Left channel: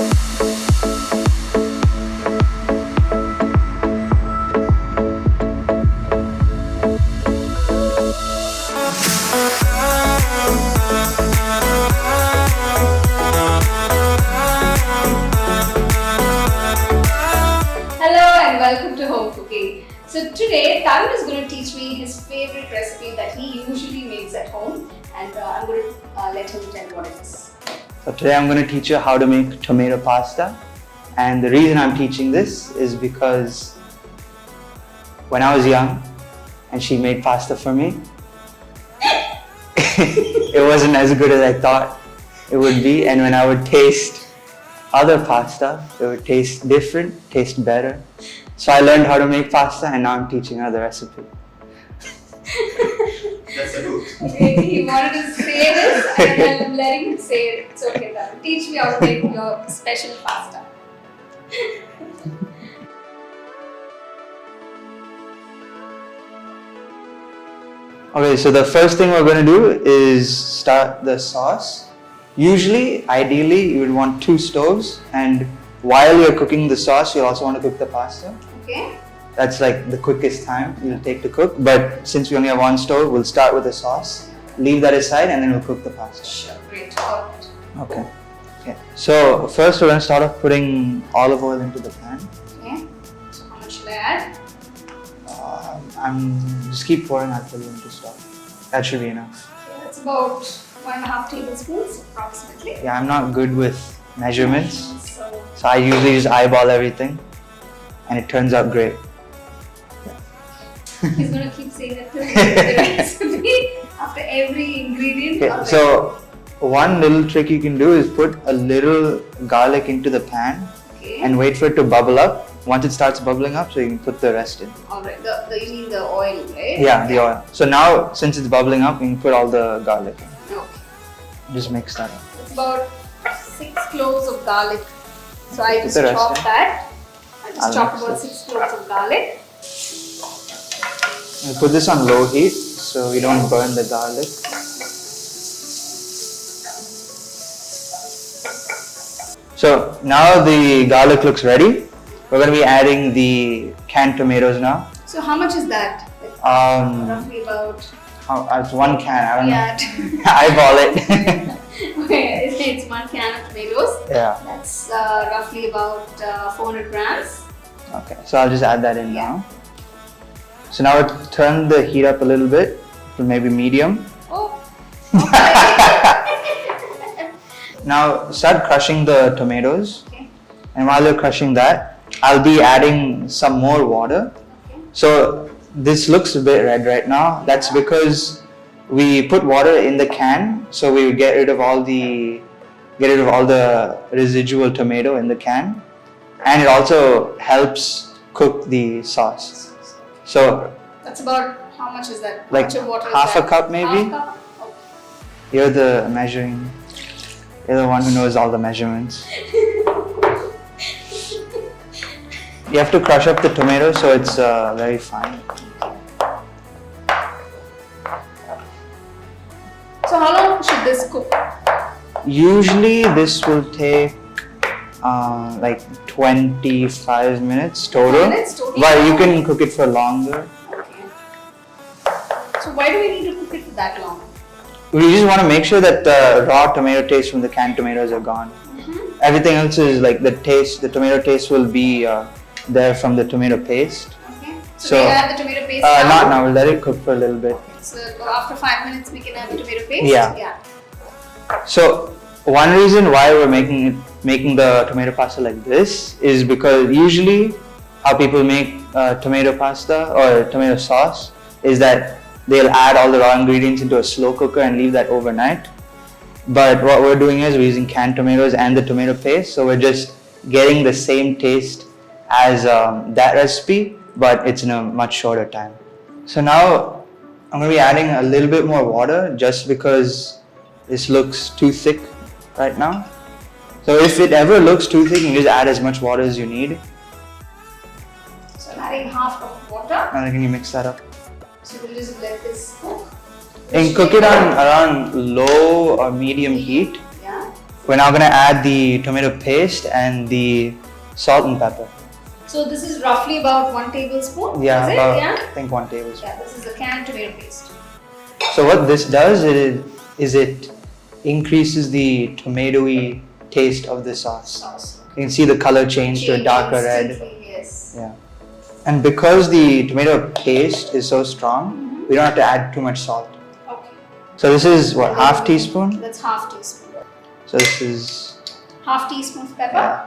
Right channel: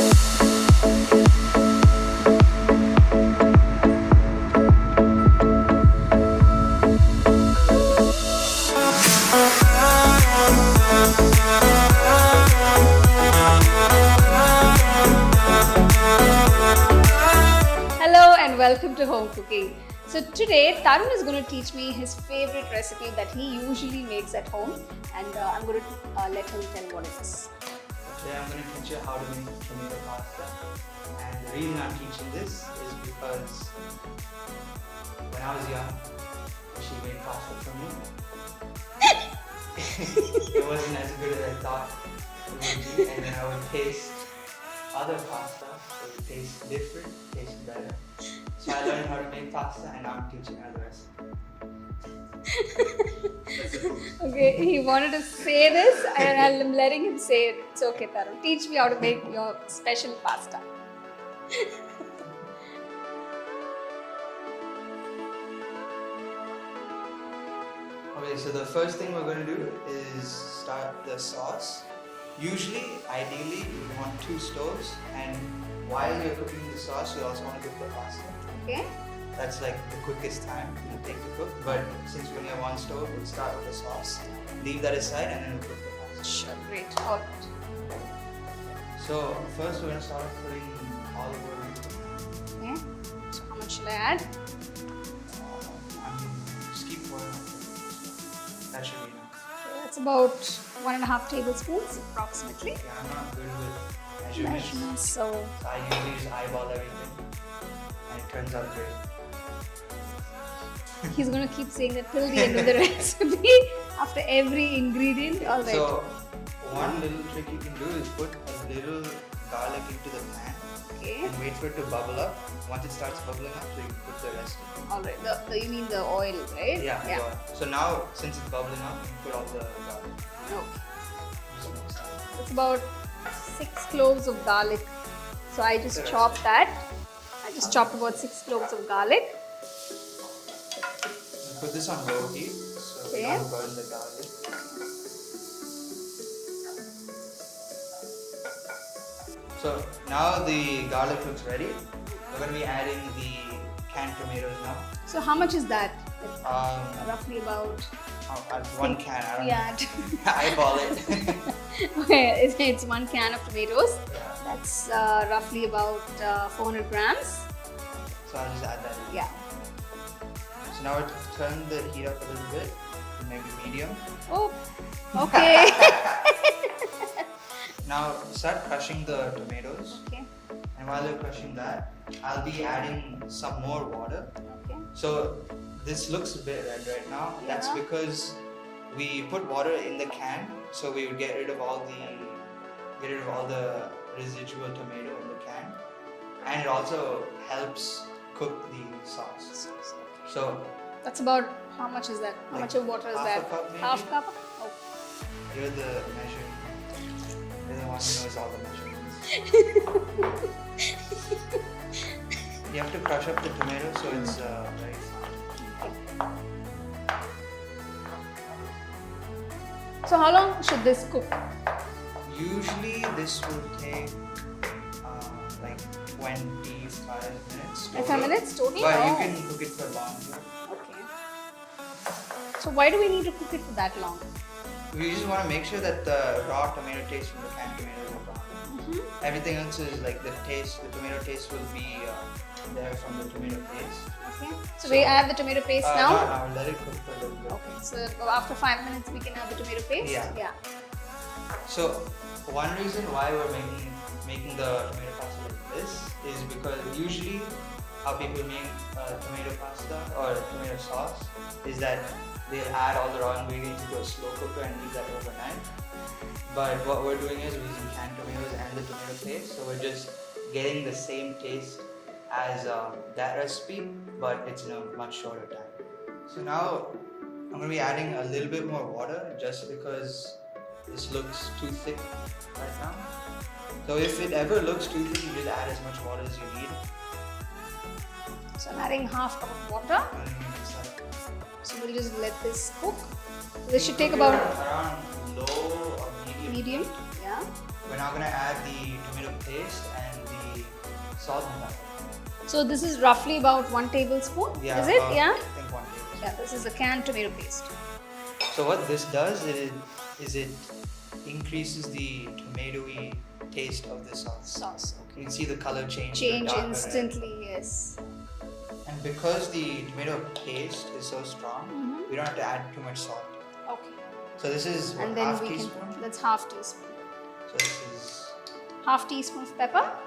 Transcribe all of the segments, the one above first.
So today, Tarun is going to teach me his favorite recipe that he usually makes at home, and I'm going to let him tell what it is. So today I'm going to teach you how to make tomato pasta, and the reason I'm teaching this is because when I was young and she made pasta for me, it wasn't as good as I thought it would be, and when I would taste other pasta, it would taste different, taste better. So I learned how to make pasta, and now I'm teaching her the recipe. That's a hook. Okay, he wanted to say this, and I'm letting him say it. It's okay, Tarun. Teach me how to make your special pasta. Okay, so the first thing we're going to do is start the sauce. Usually, ideally, you would want 2 stoves, and while you're cooking the sauce, you also want to cook the pasta. Okay. That's like the quickest time it'll take to cook, but since we only have 1 stove, we'll start with the sauce, leave that aside, and then we'll cook the pasta. Sure, great. All right. Okay. So first we're going to start off putting olive oil into the pan. Okay. So how much should I add? Just keep pouring, I'll tell you when to stop. That should be enough. Okay, that's about 1.5 tablespoons approximately. Yeah, I'm not good with measurements, So I usually just eyeball everything, and it turns out great. he's going to keep saying that till the recipe after every ingredient. Okay, so one little trick you can do is put a little garlic into the pan and wait for it to bubble up. Once it starts bubbling up, so you can put the rest in. Alright, you mean the oil, right? Yeah, the oil. So now, since it's bubbling up, you can put all the garlic in. Okay. Just mix that up. It's about 6 cloves of garlic. So I just the rest chopped in. that. I just I'll chopped mix about it. 6 cloves of garlic. We'll put this on low heat so we don't burn the garlic. So now the garlic looks ready. We're going to be adding the canned tomatoes now. So how much is that? Roughly about. It's 1 can. I don't Yeah. know. Eyeball it. Okay, it's 1 can of tomatoes. Yeah. That's roughly about 400 grams. Okay. So I'll just add that in now. So now we'll turn the heat up a little bit to maybe medium. Oh. Okay. Now start crushing the tomatoes. Okay. And while you're crushing that, I'll be adding some more water. Okay. So this looks a bit red right now. That's because we put water in the can, so we get rid of all the residual tomato in the can, and it also helps cook the sauce. So that's about, how much is that? like how much of water half is a that? cup maybe. Half cup? Oh. You're the one who knows all the measurements. You have to crush up the tomato so it's very fine. So how long should this cook? Usually this will take like 25 minutes total. 25 minutes total? But you can cook it for longer. Okay. So why do we need to cook it for that long? We just want to make sure that the raw tomato taste from the canned tomatoes are gone. Everything else is like the tomato taste will be there from the tomato paste. Okay. So we add the tomato paste now? Not now, we'll let it cook for a little bit. So after 5 minutes we can add the tomato paste? Yeah. So one reason why we're making the tomato pasta like this is because usually how people make tomato pasta or tomato sauce is that they'll add all the raw ingredients into a slow cooker and leave that overnight. But what we're doing is we're using canned tomatoes and the tomato paste, so we're just getting the same taste as that recipe, but it's in a much shorter time. So now I'm going to be adding a little bit more water just because this looks too thick right now. So if it ever looks too thick, you can just add as much water as you need. So I'm adding half cup of water. Now can you mix that up? So we'll just let this cook. And cook it on around low or medium heat Yeah. We're now going to add the tomato paste and the salt and pepper. So this is roughly about 1 tablespoon. Yeah, is it? about, Yeah. I think 1 tablespoon. Yeah, this is a canned tomato paste. So what this does is it increases the tomatoey taste of the sauce. You can see the color change to a darker red. Yes. Yeah. And because the tomato paste is so strong, we don't have to add too much salt. Okay. So this is what, half teaspoon? That's half teaspoon. So this is Half teaspoon of pepper. yeah.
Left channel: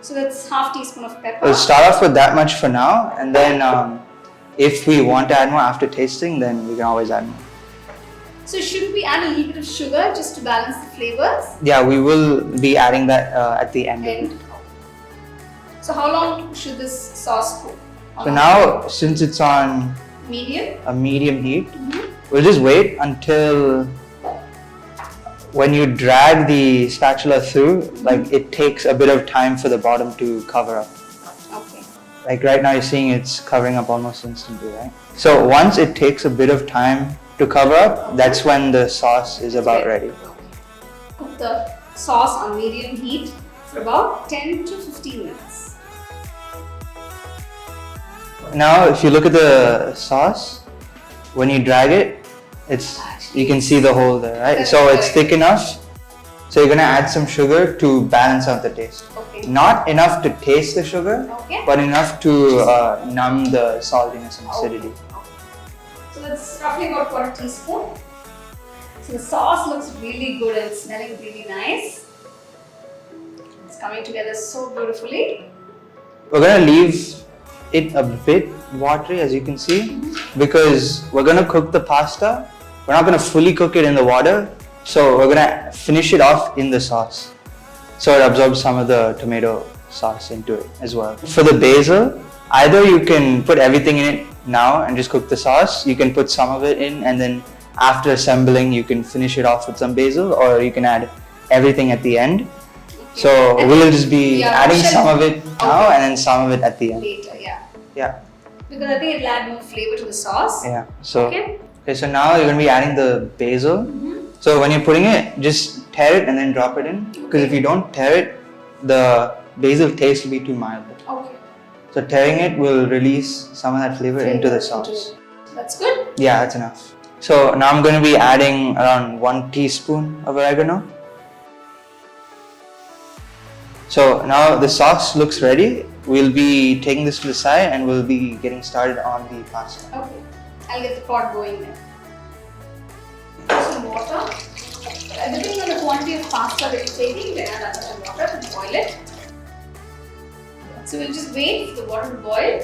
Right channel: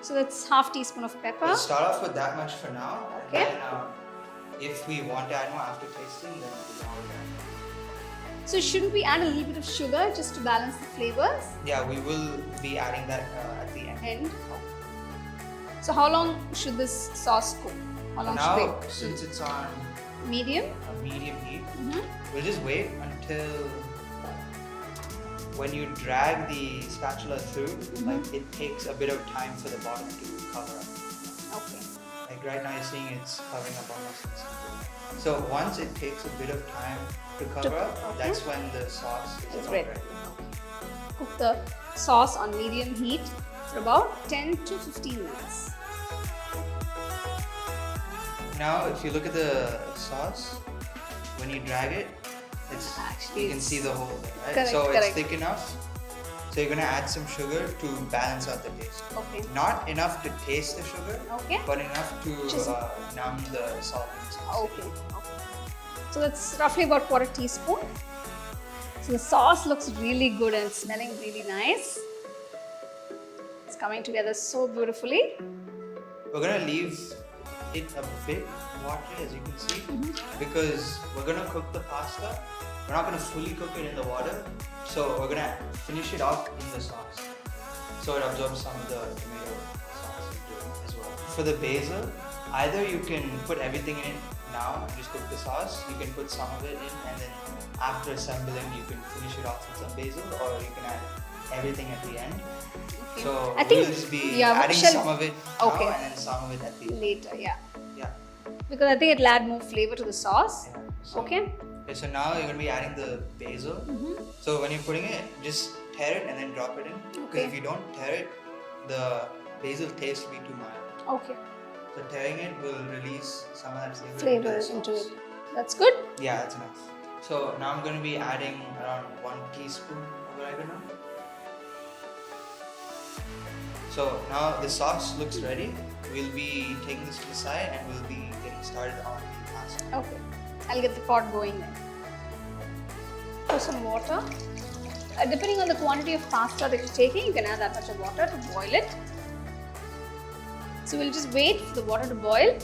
So that's half teaspoon of pepper. We'll start off with that much for now, and then if we want to add more after tasting, then we can always add more. So should we add a little bit of sugar just to balance the flavors? Yeah, we will be adding that at the end. So how long should this sauce cook? So now, since it's on Medium? a medium heat, we'll just wait until when you drag the spatula through, like it takes a bit of time for the bottom to cover up. Okay. Like right now you're seeing it's covering up almost instantly, right? So once it takes a bit of time to cover up, that's when the sauce is about ready. Cook the sauce on medium heat for about 10 to 15 minutes. Now if you look at the sauce, when you drag it, you can see the hole there, right? So it's thick enough. So you're gonna add some sugar to balance out the taste. Okay. Not enough to taste the sugar, Okay. but enough to numb the saltiness and acidity. So it's roughly about 1/4 teaspoon. So the sauce looks really good and smelling really nice. It's coming together so beautifully. We're gonna leave it a bit watery, as you can see, because we're gonna cook the pasta. We're not gonna fully cook it in the water, so we're gonna finish it off in the sauce, so it absorbs some of the tomato sauce into it as well. For the basil, either you can put everything in it now and just cook the sauce. You can put some of it in, and then after assembling, you can finish it off with some basil, or you can add everything at the end. So we'll just be adding some of it now and then some of it at the end. Later, yeah. Yeah. Because I think it'll add more flavor to the sauce. Yeah. So Okay. so now you're gonna be adding the basil. So when you're putting it, just tear it and then drop it in. Because if you don't tear it, the basil taste will be too mild. Okay. So tearing it will release some of that flavor into the sauce. That's good. Yeah, that's enough. So now I'm going to be adding around 1 teaspoon of oregano. So now the sauce looks ready. We'll be taking this to the side and we'll be getting started on the pasta. Okay. I'll get the pot going then. Some water. Depending on the quantity of pasta that you're taking, you can add that much of water to boil it. So we'll just wait for the water to boil.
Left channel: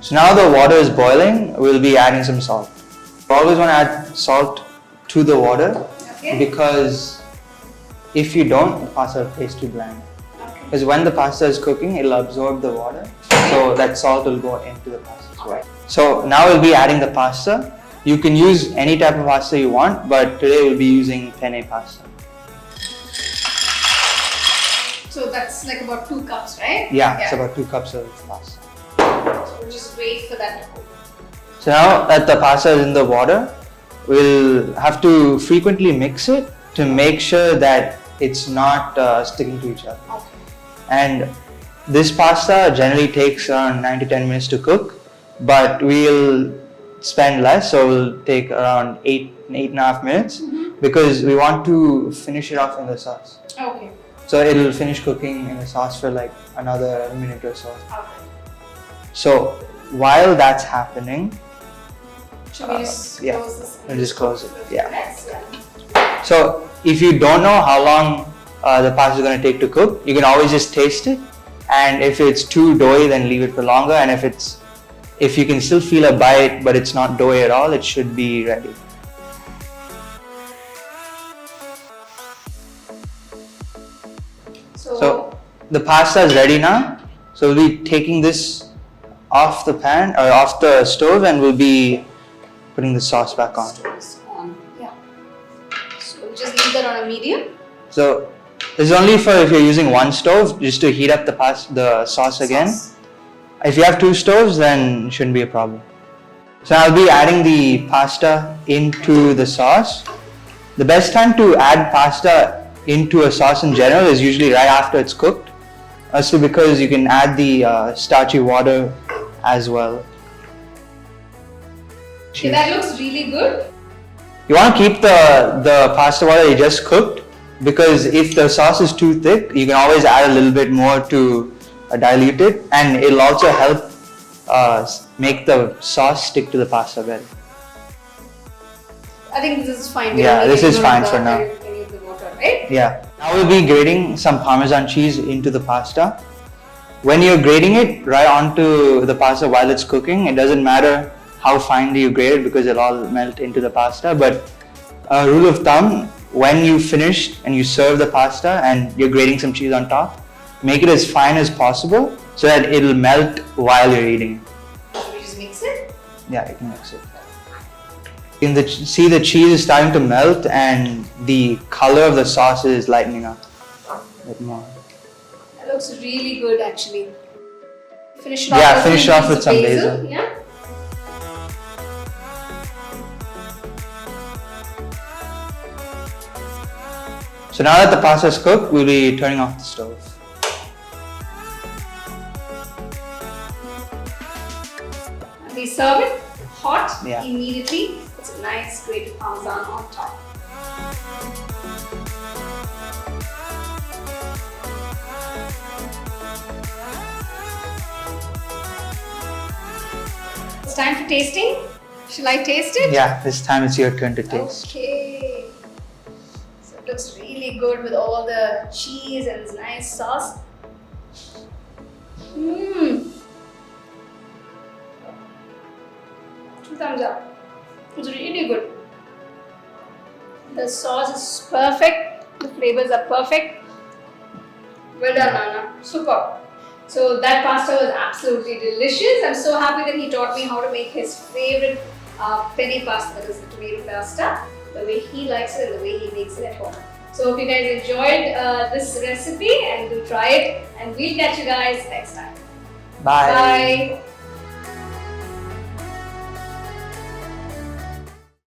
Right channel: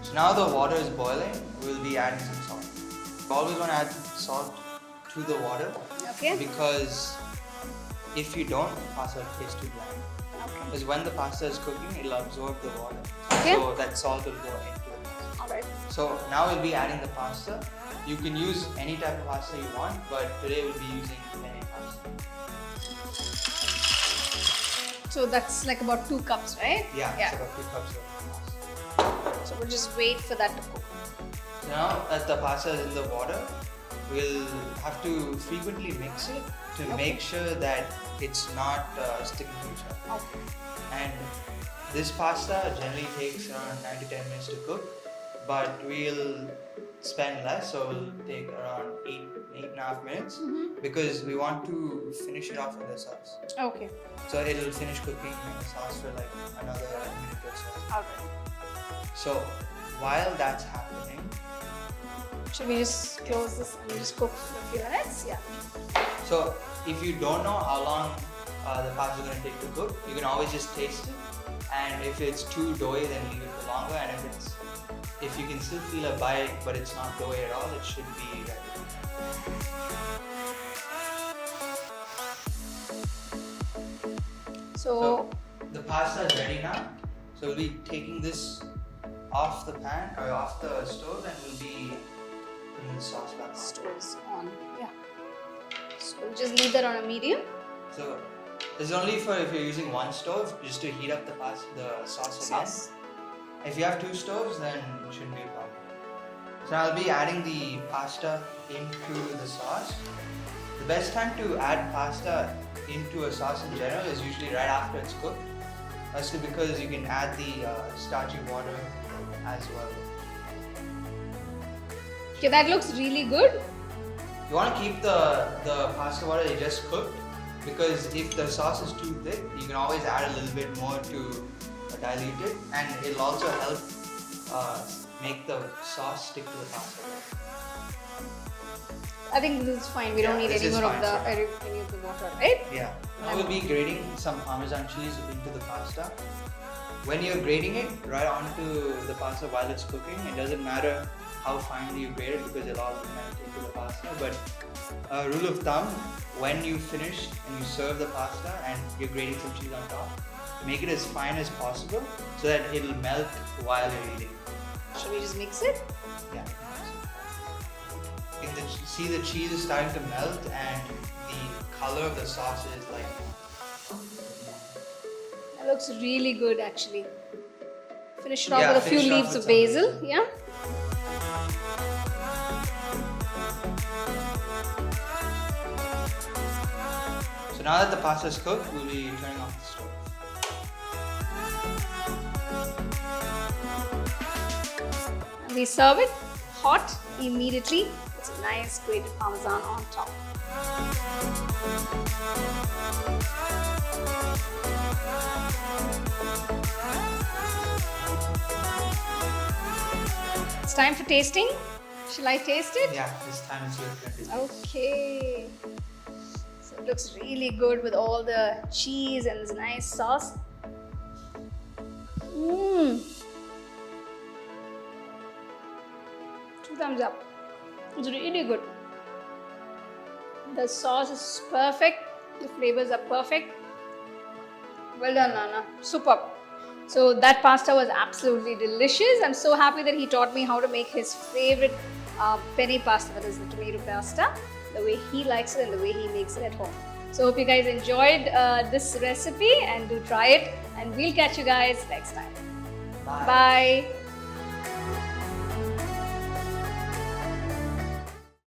So now the water is boiling, we'll be adding some salt. You always want to add salt to the water, Okay. because if you don't, the pasta will taste too bland. Because when the pasta is cooking, it'll absorb the water, so that salt will go into the pasta as well. So now we'll be adding the pasta. You can use any type of pasta you want, but today we'll be using penne pasta. So that's like about 2 cups, right? Yeah, it's about 2 cups of pasta. So we'll just wait for that to cook. So now that the pasta is in the water, we'll have to frequently mix it to make sure that it's not sticking to each other. And this pasta generally takes around 9 to 10 minutes to cook, but we'll spend less, so we'll take around 8.5 minutes, because we want to finish it off in the sauce. Okay. So it'll finish cooking in the sauce for like another minute or so. Okay. So while that's happening, Should we just yeah, close this? we'll just close it. Yeah. Next. So if you don't know how long the pasta is going to take to cook, you can always just taste it, and if it's too doughy, then leave it for longer, and if you can still feel a bite but it's not doughy at all, it should be ready. So the pasta is ready now. So we'll be taking this off the pan or off the stove, and we'll be putting the sauce back on. Stove is on. Yeah. So just leave that on a medium. So this is only for if you're using one stove, just to heat up the sauce again. If you have 2 stoves, then it shouldn't be a problem. So I'll be adding the pasta into the sauce. The best time to add pasta into a sauce in general is usually right after it's cooked. Also because you can add the starchy water as well. Okay, that looks really good. You want to keep the pasta water you just cooked, because if the sauce is too thick, you can always add a little bit more to dilute it, and it'll also help make the sauce stick to the pasta better. I think this is fine. Yeah, this is fine for now. The water, right? Yeah. Now we'll be grating some Parmesan cheese into the pasta. When you're grating it right onto the pasta while it's cooking, it doesn't matter how finely you grate it because it'll all melt into the pasta. But a rule of thumb, when you finish and you serve the pasta and you're grating some cheese on top, make it as fine as possible so that it'll melt while you're eating it. Should we just mix it? Yeah, you can mix it. See the cheese is starting to melt and the color of the sauce is lightening up a bit more. That looks really good actually. Finish it off with some basil. Yeah. So now that the pasta is cooked, we'll be turning off the stove. And we serve it hot Yeah. immediately. It's a nice grated Parmesan on top. It's time for tasting. Shall I taste it? Yeah, this time it's your turn to taste. Okay. So it looks really good with all the cheese and this nice sauce. Mmm. 2 thumbs up. It's really good. The sauce is perfect. The flavors are perfect. Well done, Nana. Super. So that pasta was absolutely delicious. I'm so happy that he taught me how to make his favorite penne pasta, that is the tomato pasta, the way he likes it and the way he makes it at home. So if you guys enjoyed this recipe, and do try it, and we'll catch you guys next time. Bye. Bye.